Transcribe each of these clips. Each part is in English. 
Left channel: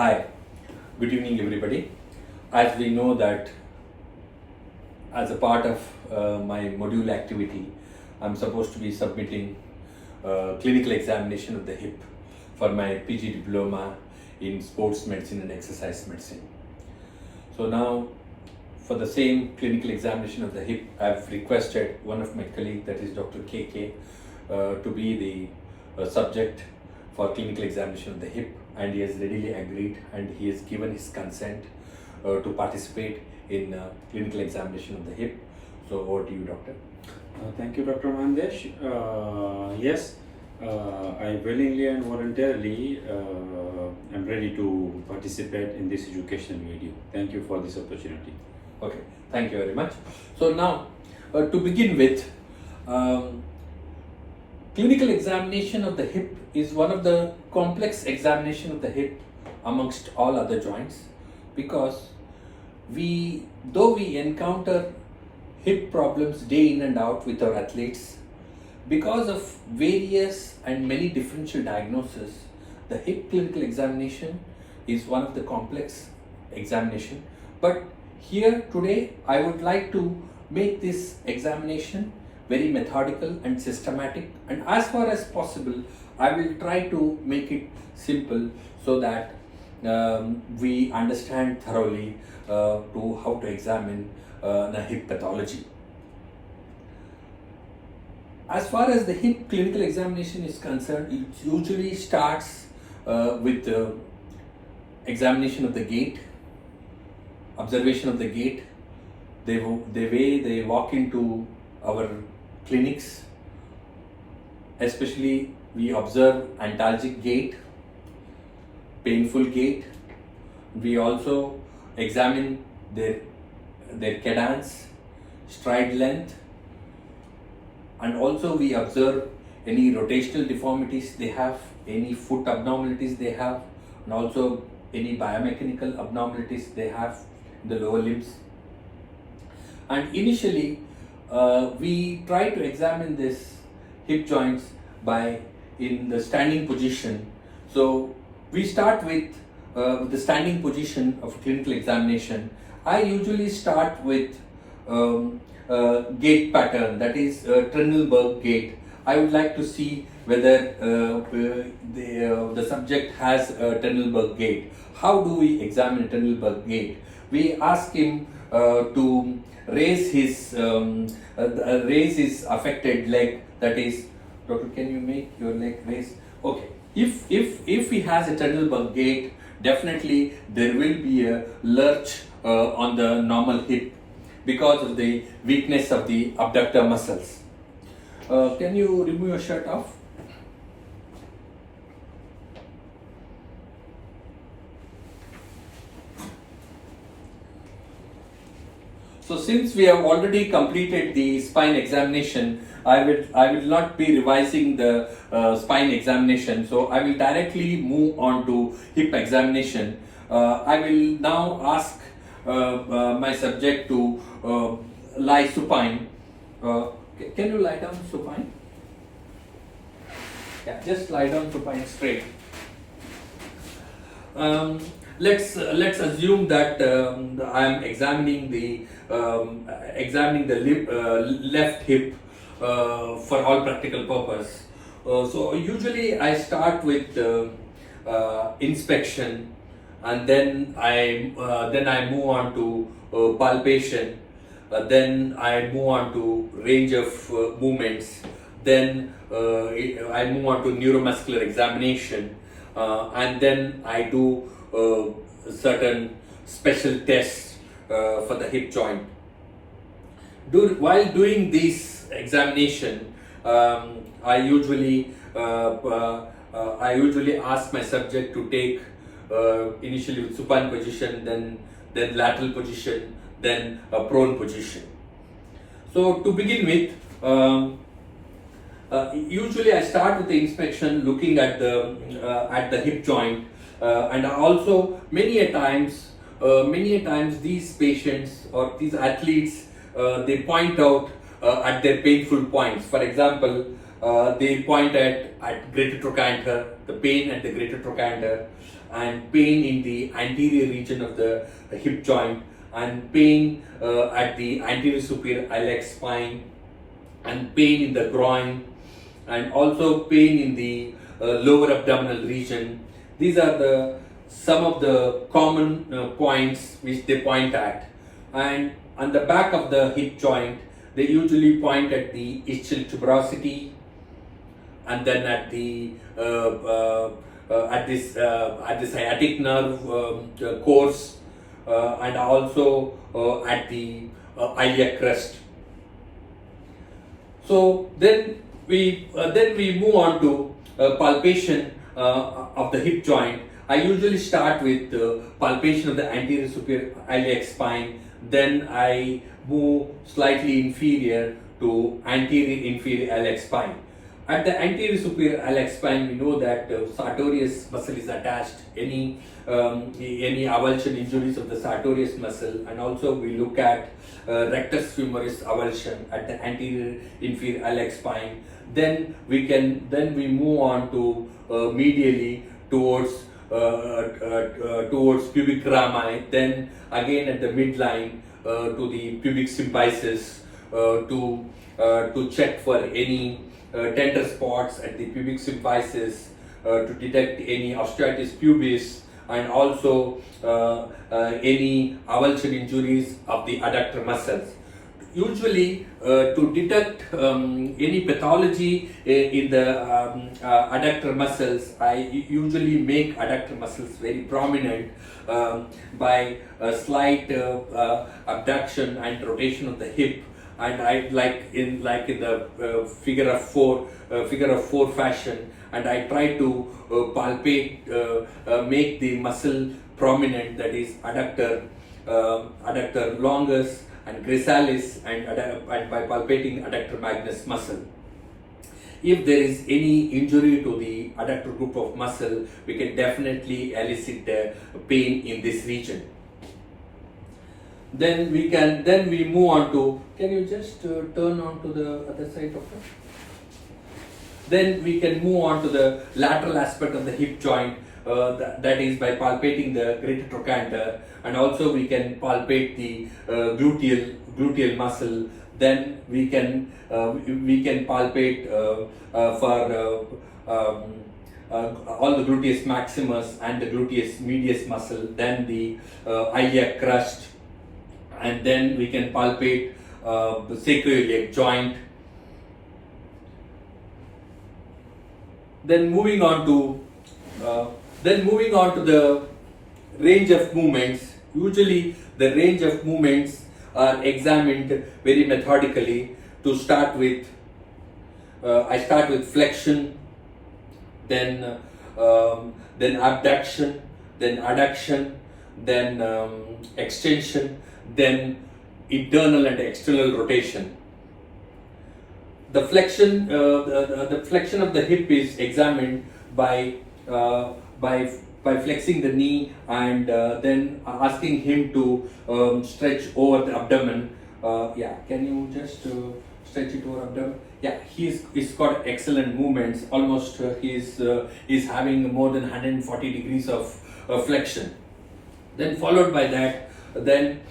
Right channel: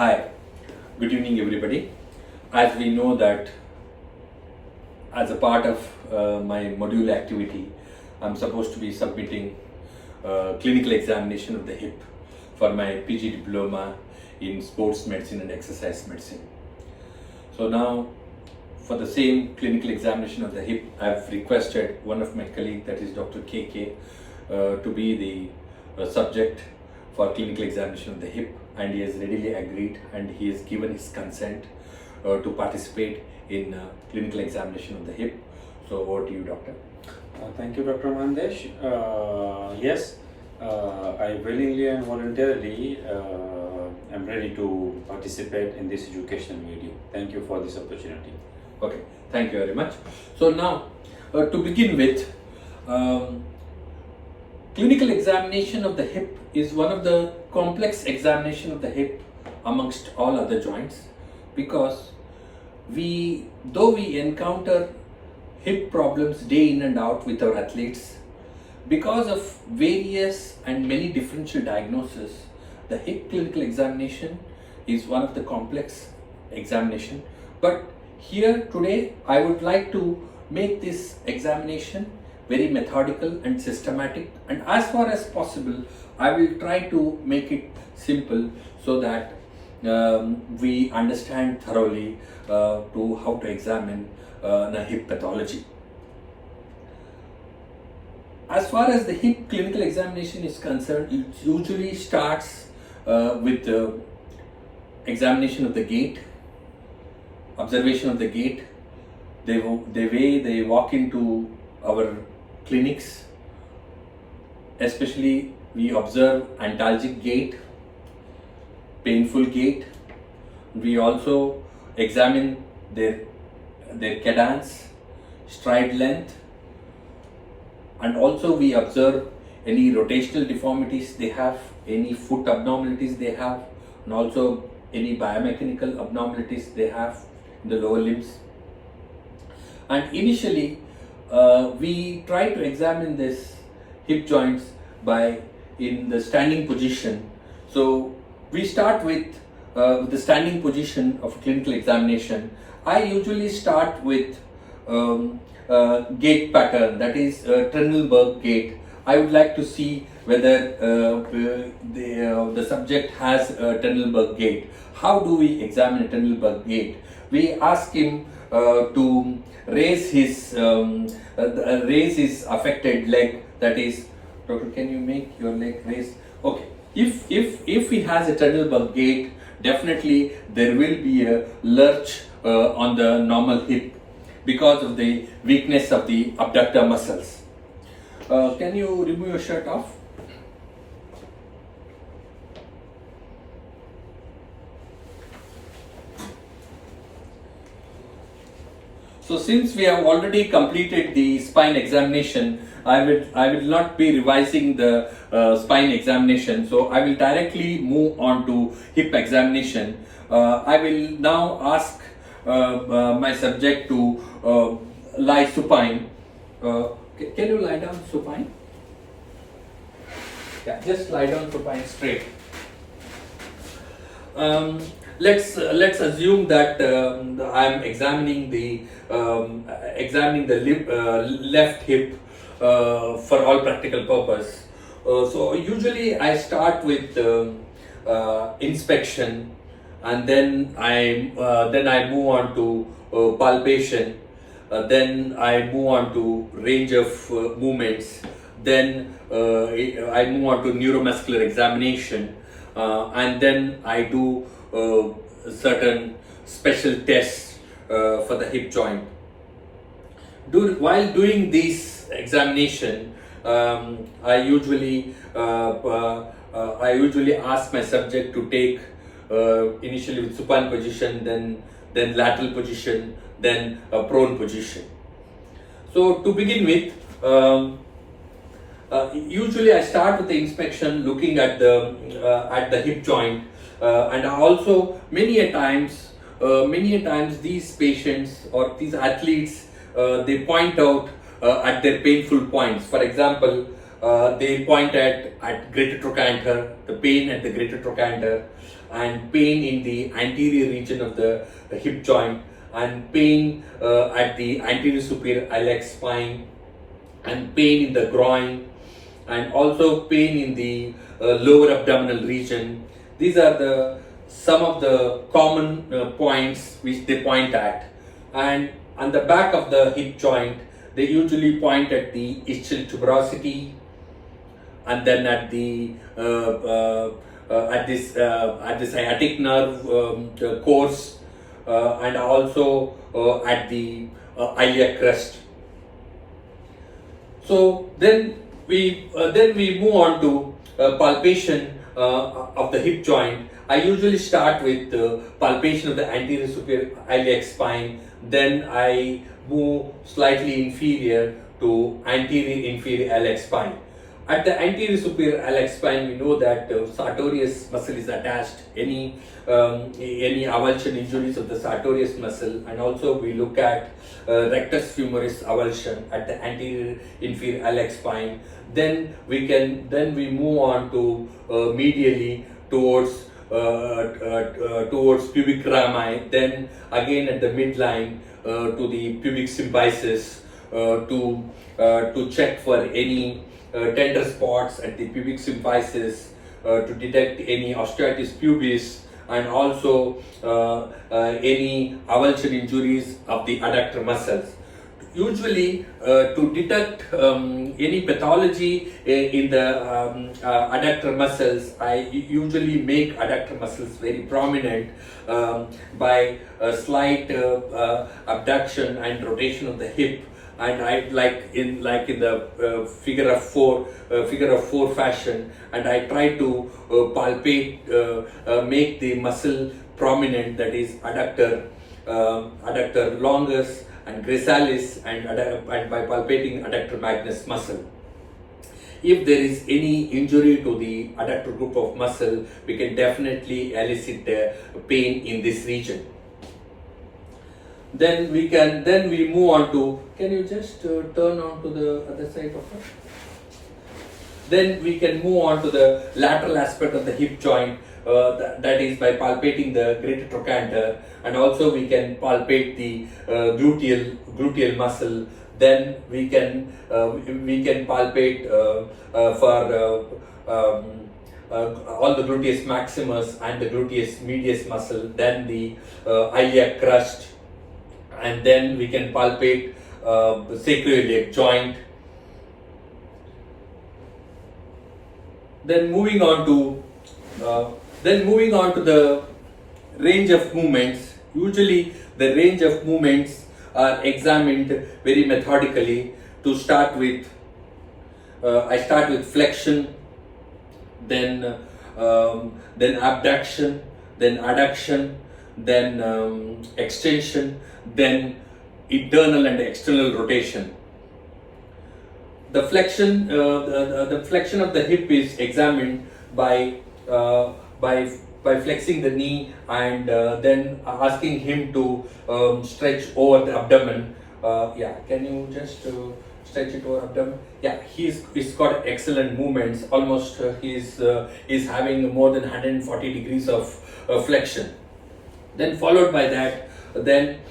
Hi, good evening everybody. As we know that as a part of my module activity, I'm supposed to be submitting clinical examination of the hip for my PG diploma in sports medicine and exercise medicine. So now for the same clinical examination of the hip, I've requested one of my colleagues, that is Dr. KK, to be the subject for clinical examination of the hip, and he has readily agreed and he has given his consent to participate in clinical examination of the hip. So over to you, doctor. Thank you, Dr. Mandesh. Yes, I willingly and voluntarily am ready to participate in this educational video. Thank you for this opportunity. Okay, thank you very much. So now, to begin with, clinical examination of the hip is one of the complex examination of the hip amongst all other joints, because though we encounter hip problems day in and out with our athletes, because of various and many differential diagnoses, the hip clinical examination is one of the complex examination. But here today I would like to make this examination very methodical and systematic, and as far as possible I will try to make it simple so that we understand thoroughly to how to examine the hip pathology. As far as the hip clinical examination is concerned, it usually starts with examination of the gait, observation of the gait, the way they walk into our clinics. Especially we observe antalgic gait, painful gait. We also examine their cadence, stride length, and also we observe any rotational deformities they have, any foot abnormalities they have, and also any biomechanical abnormalities they have in the lower limbs. And initially we try to examine this hip joints in the standing position. So we start with the standing position of clinical examination. I usually start with gait pattern, that is Trendelenburg gait. I would like to see whether the subject has a Trendelenburg gait. How do we examine a Trendelenburg gait? We ask him to raise his affected leg. That is, doctor, can you make your leg raise? Okay. If he has a Trendelenburg gait, definitely there will be a lurch on the normal hip because of the weakness of the abductor muscles. Can you remove your shirt off? So since we have already completed the spine examination, I will not be revising the spine examination. So I will directly move on to hip examination. I will now ask my subject to lie supine. Can you lie down supine? Yeah, just lie down supine straight. Let's assume that I am examining the left hip for all practical purpose. So usually I start with inspection, and then I move on to palpation. Then I move on to range of movements. Then I move on to neuromuscular examination, and then I do certain special tests for the hip joint. While doing this examination, I usually ask my subject to take initially with supine position, then lateral position, then prone position. So to begin with, usually I start with the inspection, looking at the hip joint, and also many a times these patients or these athletes they point out at their painful points. For example, they point at greater trochanter, the pain at the greater trochanter, and pain in the anterior region of the hip joint, and pain at the anterior superior iliac spine, and pain in the groin, and also pain in the lower abdominal region. These are some of the common points which they point at. And on the back of the hip joint, they usually point at the ischial tuberosity, and then at the at this sciatic nerve course, and also at the iliac crest. So then we move on to palpation of the hip joint. I usually start with palpation of the anterior superior iliac spine. Then I move slightly inferior to anterior inferior iliac spine. At the anterior superior iliac spine, we know that sartorius muscle is attached. Any avulsion injuries of the sartorius muscle, and also we look at rectus femoris avulsion at the anterior inferior iliac spine. Then we move on to medially towards pubic rami. Then again at the midline to the pubic symphysis to check for any tender spots at the pubic symphysis, to detect any osteitis pubis, and also any avulsion injuries of the adductor muscles. Usually, to detect any pathology in the adductor muscles, I usually make adductor muscles very prominent by a slight abduction and rotation of the hip. And I like in the figure of four fashion, and I try to palpate, make the muscle prominent, that is adductor longus and gracilis, and by palpating adductor magnus muscle. If there is any injury to the adductor group of muscle, we can definitely elicit pain in this region. Then we move on to, can you just turn on to the other side of it? Then we can move on to the lateral aspect of the hip joint, that is by palpating the greater trochanter, and also we can palpate the gluteal muscle. Then we can palpate for all the gluteus maximus and the gluteus medius muscle, then the iliac crust, and then we can palpate the sacroiliac joint. Then moving on to the range of movements. Usually the range of movements are examined very methodically. To start with, I start with flexion, then abduction, then adduction, then extension, then internal and external rotation. The flexion, the flexion of the hip is examined by flexing the knee, and then asking him to stretch over the abdomen. Yeah, can you just stretch it over abdomen? Yeah, he's got excellent movements. Almost he's having more than 140 degrees of flexion. Then followed by that, then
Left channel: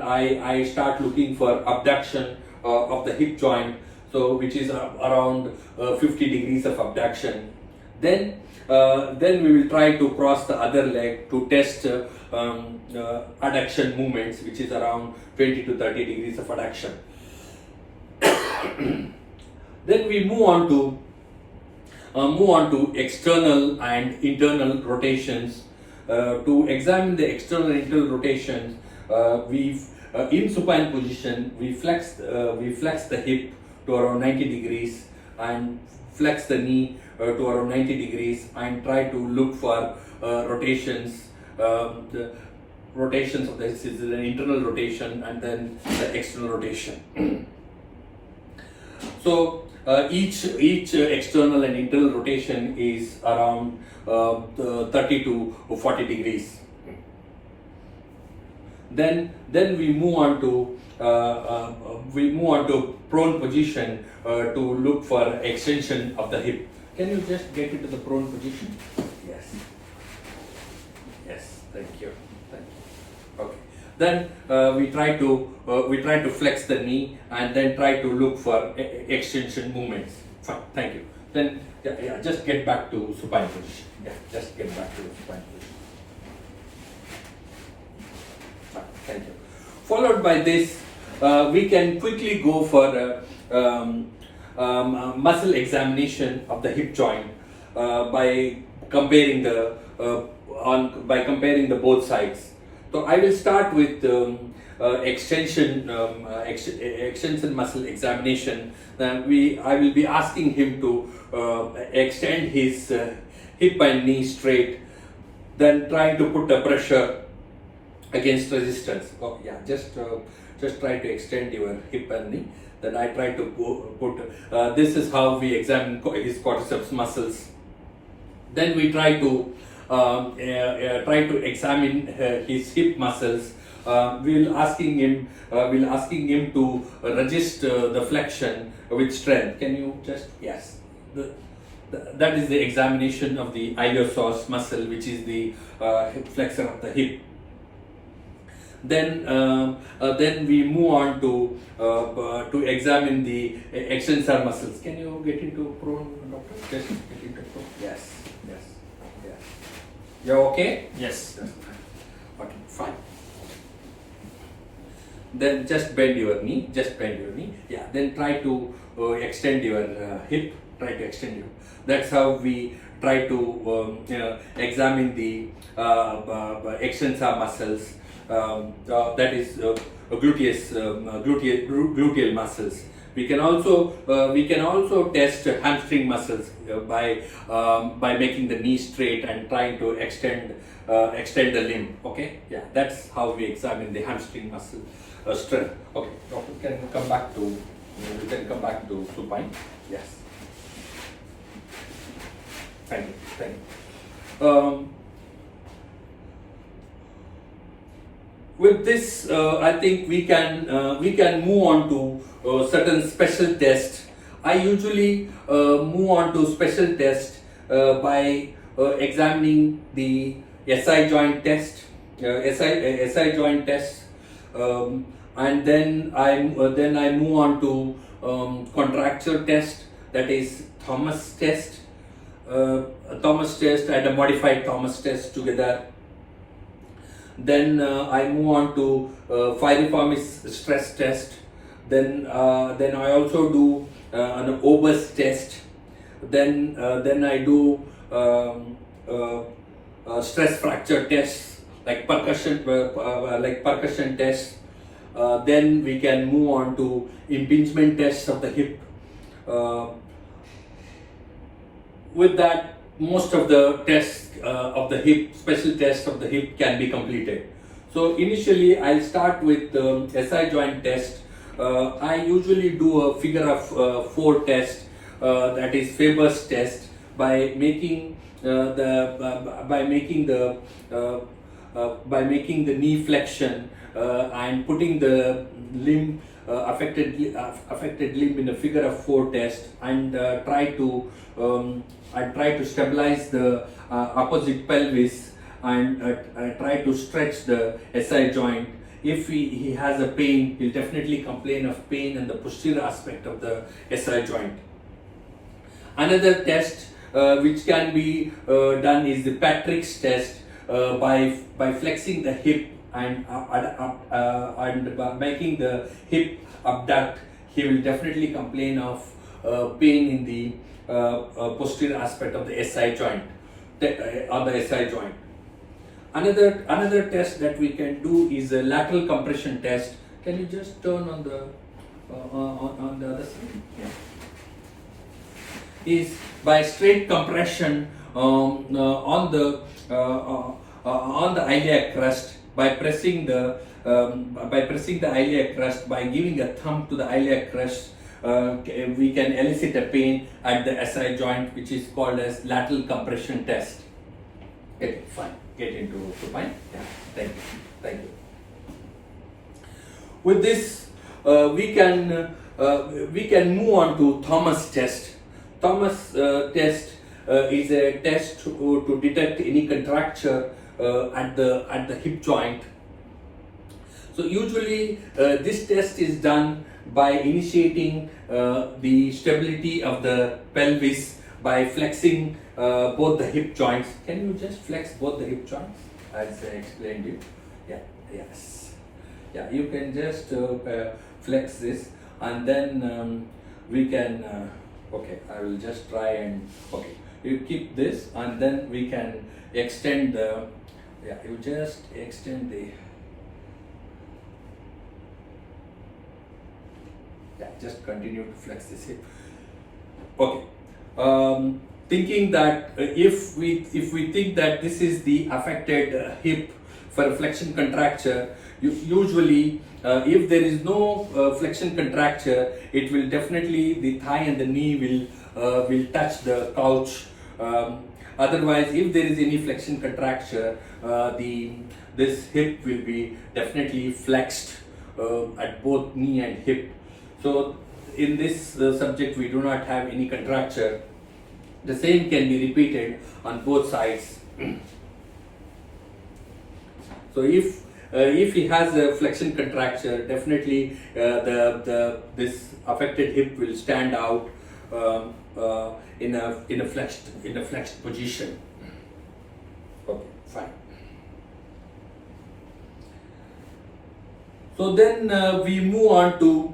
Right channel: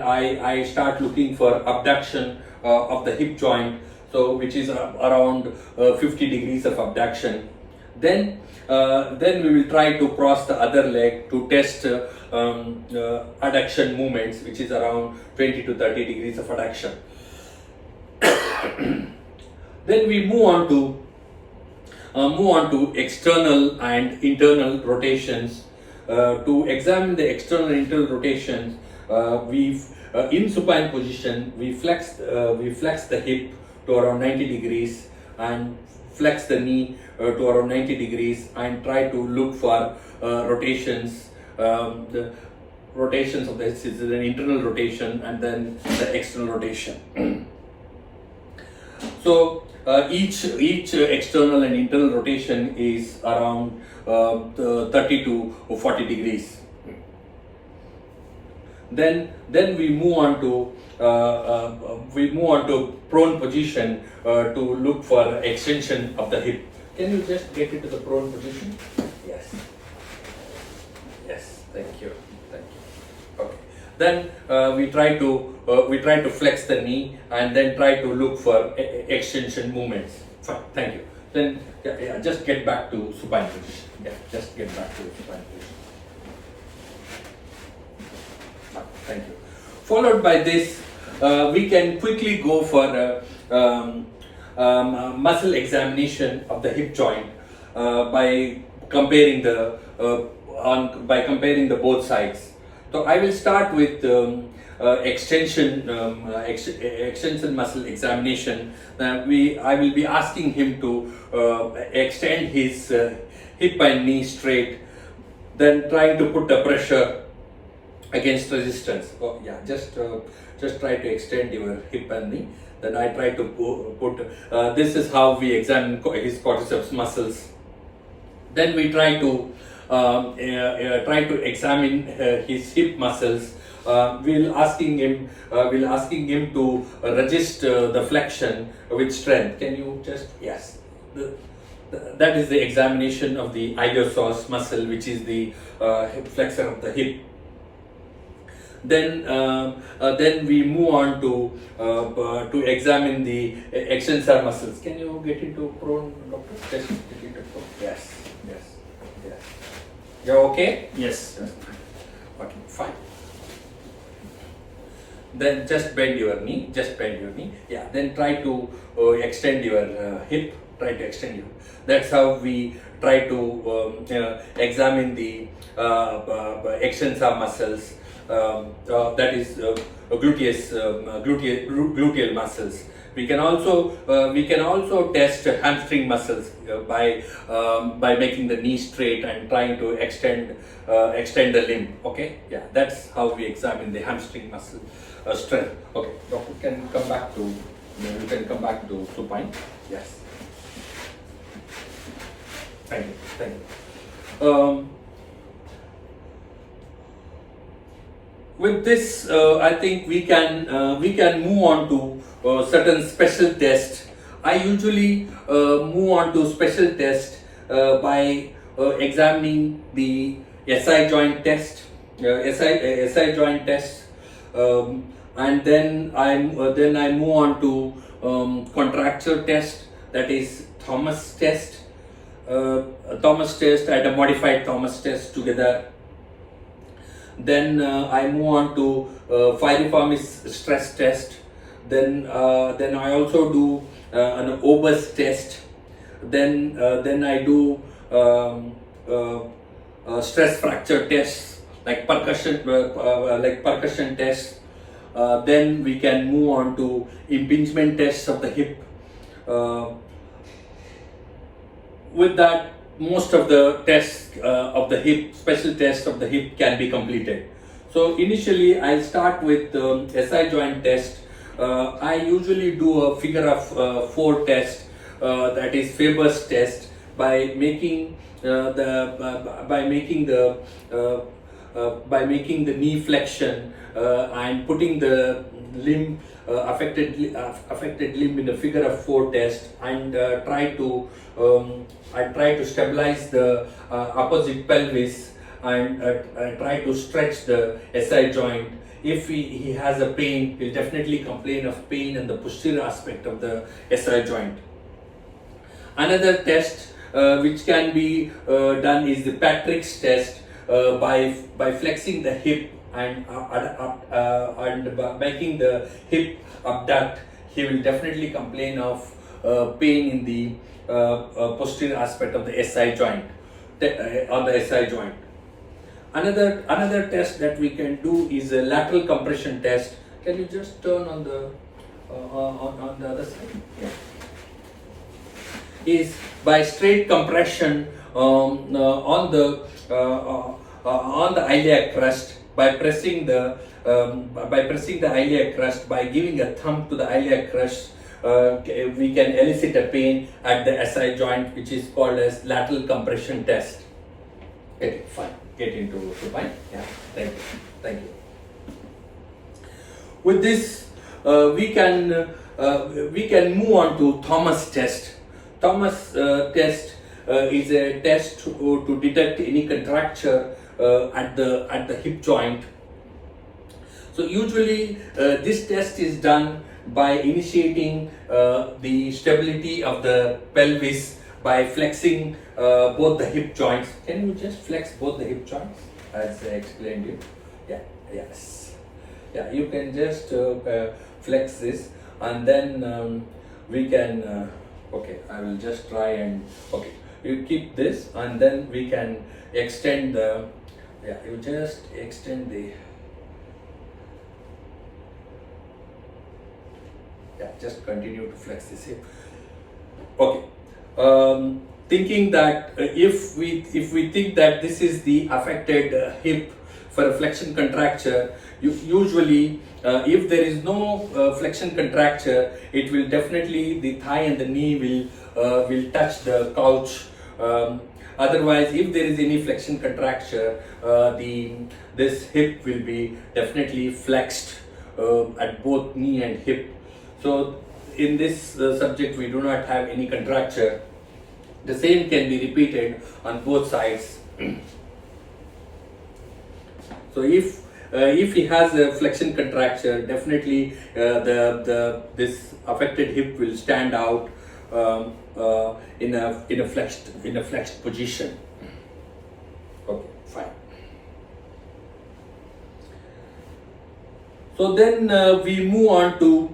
I start looking for abduction of the hip joint, so which is around 50 degrees of abduction. Then we will try to cross the other leg to test adduction movements, which is around 20 to 30 degrees of adduction. Then we move on to external and internal rotations. To examine the external and internal rotations, in supine position we flex the hip to around 90 degrees and flex the knee to around 90 degrees, and try to look for rotations. The rotations of this is an internal rotation and then the external rotation. So each external and internal rotation is around 30 to 40 degrees. Then we move on to prone position to look for extension of the hip. Can you just get into the prone position? Yes. Yes. Thank you. Thank you. Okay. Then we try to flex the knee and then try to look for extension movements. Fine. Thank you. Then just get back to supine position. Yeah. Just get back to supine position. Thank you. Followed by this, we can quickly go for muscle examination of the hip joint by comparing the both sides. So I will start with extension muscle examination. I will be asking him to extend his hip and knee straight, then trying to put the pressure against resistance. Oh yeah, just try to extend your hip and knee. Then I try to put. This is how we examine his quadriceps muscles. Then we try to examine his hip muscles. We'll asking him to resist the flexion with strength. Can you just that is the examination of the iliopsoas muscle, which is the flexor of the hip. Then we move on to examine the extensor muscles. Can you get into prone, doctor? Just get into prone. Yes. You're okay? Yes. Okay, fine. Then just bend your knee. Yeah. Then try to extend your hip. Try to extend your. That's how we try to examine the extensor muscles. That is gluteal muscles. We can also test hamstring muscles by making the knee straight and trying to extend the limb. Okay, yeah, that's how we examine the hamstring muscle strength. Okay, doctor, can you come back to supine? Yes. Thank you. With this, I think we can move on to certain special tests. I usually move on to special test by examining the SI joint test, SI joint test, and then I move on to contracture test, that is Thomas test, and a modified Thomas test together. Then I move on to piriformis stress test. Then I also do an Obus test. Then I do stress fracture tests like percussion tests. Then we can move on to impingement tests of the hip. With that, most of the tests of the hip, special tests of the hip can be completed. So initially I'll start with SI joint test. I usually do a figure of 4 test, that is Faber's test, by making the knee flexion and putting the limb affected limb in a figure of 4 test, and try to stabilize the opposite pelvis and try to stretch the SI joint. If he has a pain, he'll definitely complain of pain in the posterior aspect of the SI joint. Another test which can be done is the Patrick's test, by flexing the hip and by making the hip abduct. He will definitely complain of pain in the posterior aspect of the SI joint, on the SI joint. Another test that we can do is a lateral compression test. Can you just turn on the other side? Yeah. Is by straight compression on the iliac crust, by pressing the iliac crust, by giving a thumb to the iliac crust. We can elicit a pain at the SI joint, which is called as lateral compression test. Okay, fine. Get into supine. Yeah. Thank you. With this, we can move on to Thomas test. Thomas test is a test to detect any contracture at the hip joint. So usually this test is done by initiating the stability of the pelvis by flexing both the hip joints. Can you just flex both the hip joints as I explained it? Yeah, yes. Yeah, you can just flex this, and then we can, okay, I will just try and, okay, you keep this, and then we can extend the, yeah, you just extend the, yeah, just continue to flex this hip. Okay. Thinking that if we think that this is the affected hip for a flexion contracture, usually if there is no flexion contracture, it will definitely, the thigh and the knee will touch the couch. Otherwise, if there is any flexion contracture, this hip will be definitely flexed at both knee and hip. So in this subject, we do not have any contracture. The same can be repeated on both sides. So if he has a flexion contracture, definitely this affected hip will stand out in a flexed position. Okay, fine. So then we move on to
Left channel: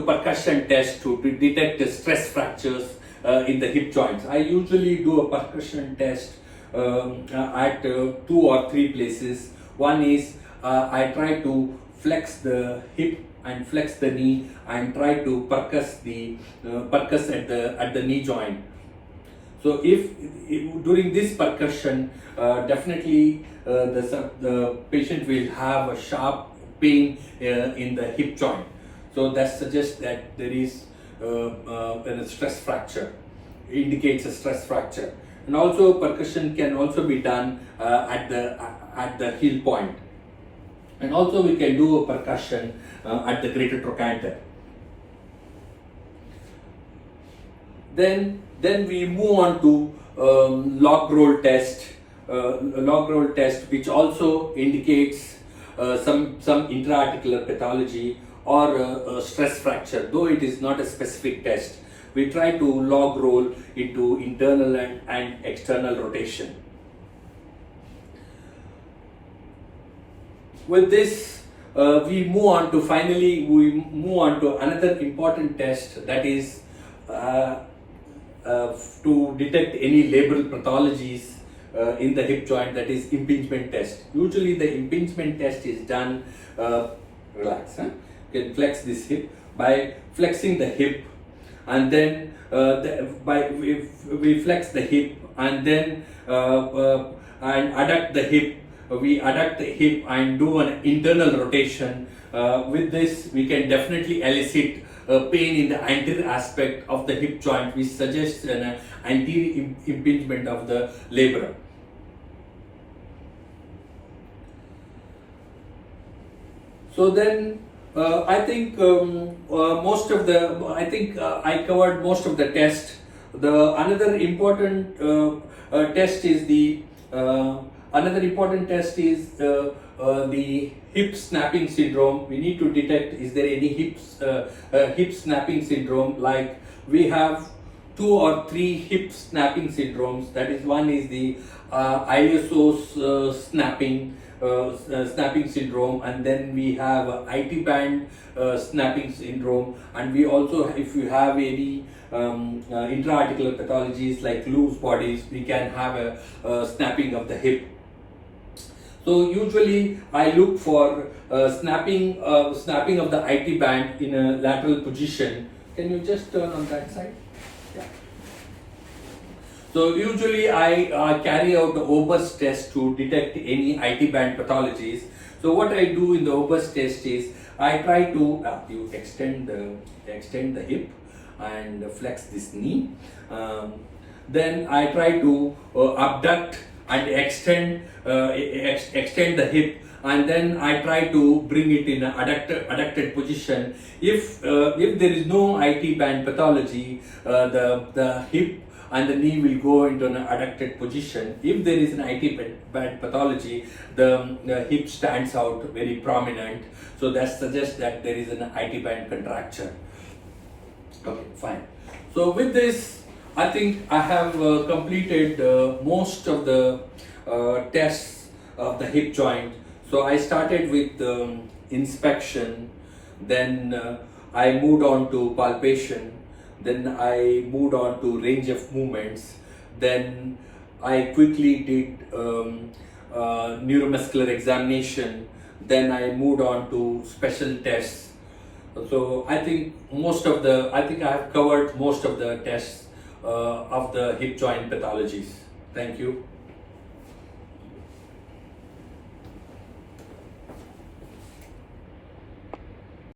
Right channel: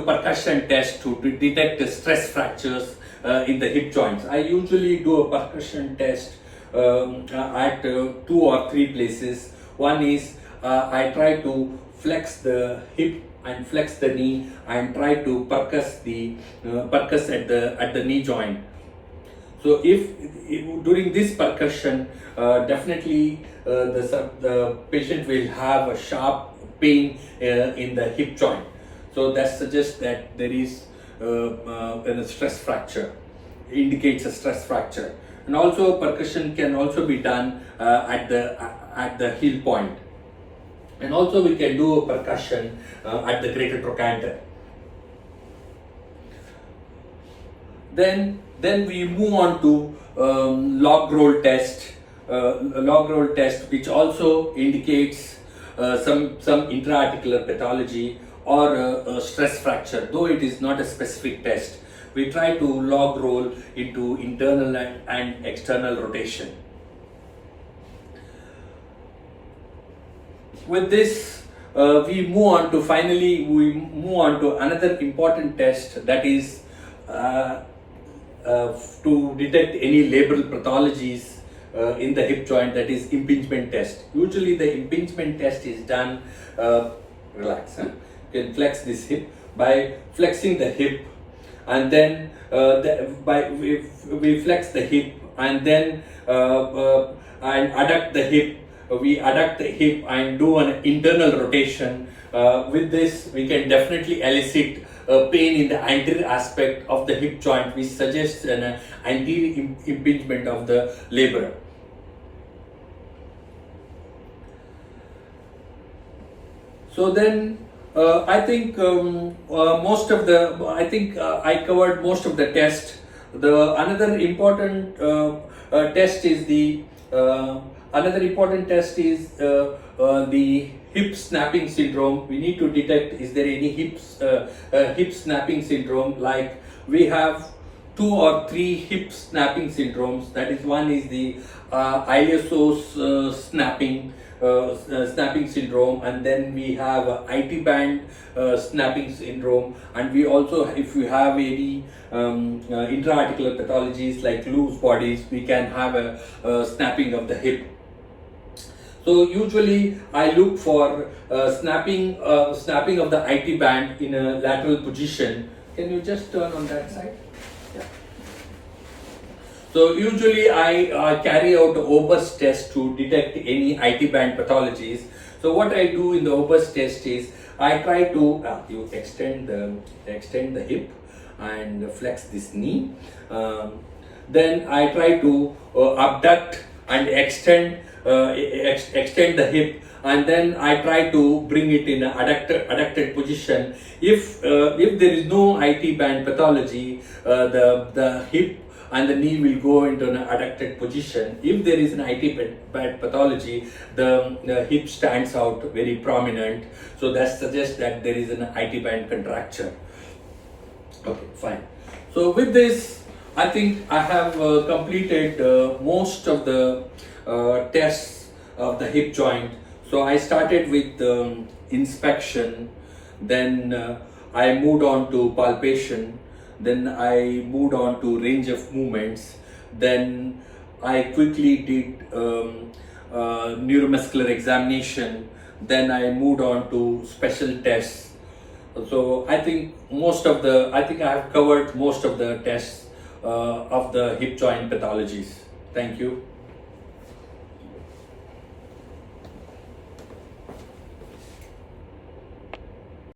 percussion test to detect stress fractures in the hip joints. I usually do a percussion test at 2 or 3 places. One is I try to flex the hip and flex the knee and try to percuss at the knee joint. So if during this percussion, definitely the patient will have a sharp pain in the hip joint. So that suggests that there is a stress fracture, indicates a stress fracture. And also percussion can also be done at the heel point. And also we can do a percussion at the greater trochanter. Then we move on to log roll test. Log roll test, which also indicates some intra-articular pathology or a stress fracture, though it is not a specific test. We try to log roll into internal and external rotation. With this, we move on to another important test, that is to detect any labral pathologies in the hip joint, that is impingement test. Usually the impingement test is done, relax, huh? You can flex this hip by flexing the hip, and then we flex the hip and then and adduct the hip. We adduct the hip and do an internal rotation. With this, we can definitely elicit pain in the anterior aspect of the hip joint, which suggests an anterior impingement of the labrum. So then, I think I covered most of the test. The another important test is the hip snapping syndrome. We need to detect, is there any hip snapping syndrome? Like we have 2 or 3 hip snapping syndromes. That is, one is the ISO snapping syndrome, and then we have IT band snapping syndrome, and we also, if you have any intra-articular pathologies like loose bodies, we can have a snapping of the hip. So usually I look for snapping of the IT band in a lateral position. Can you just turn on that side? Yeah. So usually I carry out the Ober's test to detect any IT band pathologies. So what I do in the Ober's test is I try to you extend the hip and flex this knee. Then I try to abduct and extend the hip and then I try to bring it in an adducted position. If there is no IT band pathology, the hip and the knee will go into an adducted position. If there is an IT band pathology, the hip stands out very prominent. So that suggests that there is an IT band contracture. Okay, fine. So with this, I think I have completed most of the tests of the hip joint. So I started with inspection, then I moved on to palpation, then I moved on to range of movements, then I quickly did neuromuscular examination, then I moved on to special tests. So I think I have covered most of the tests of the hip joint pathologies. Thank you.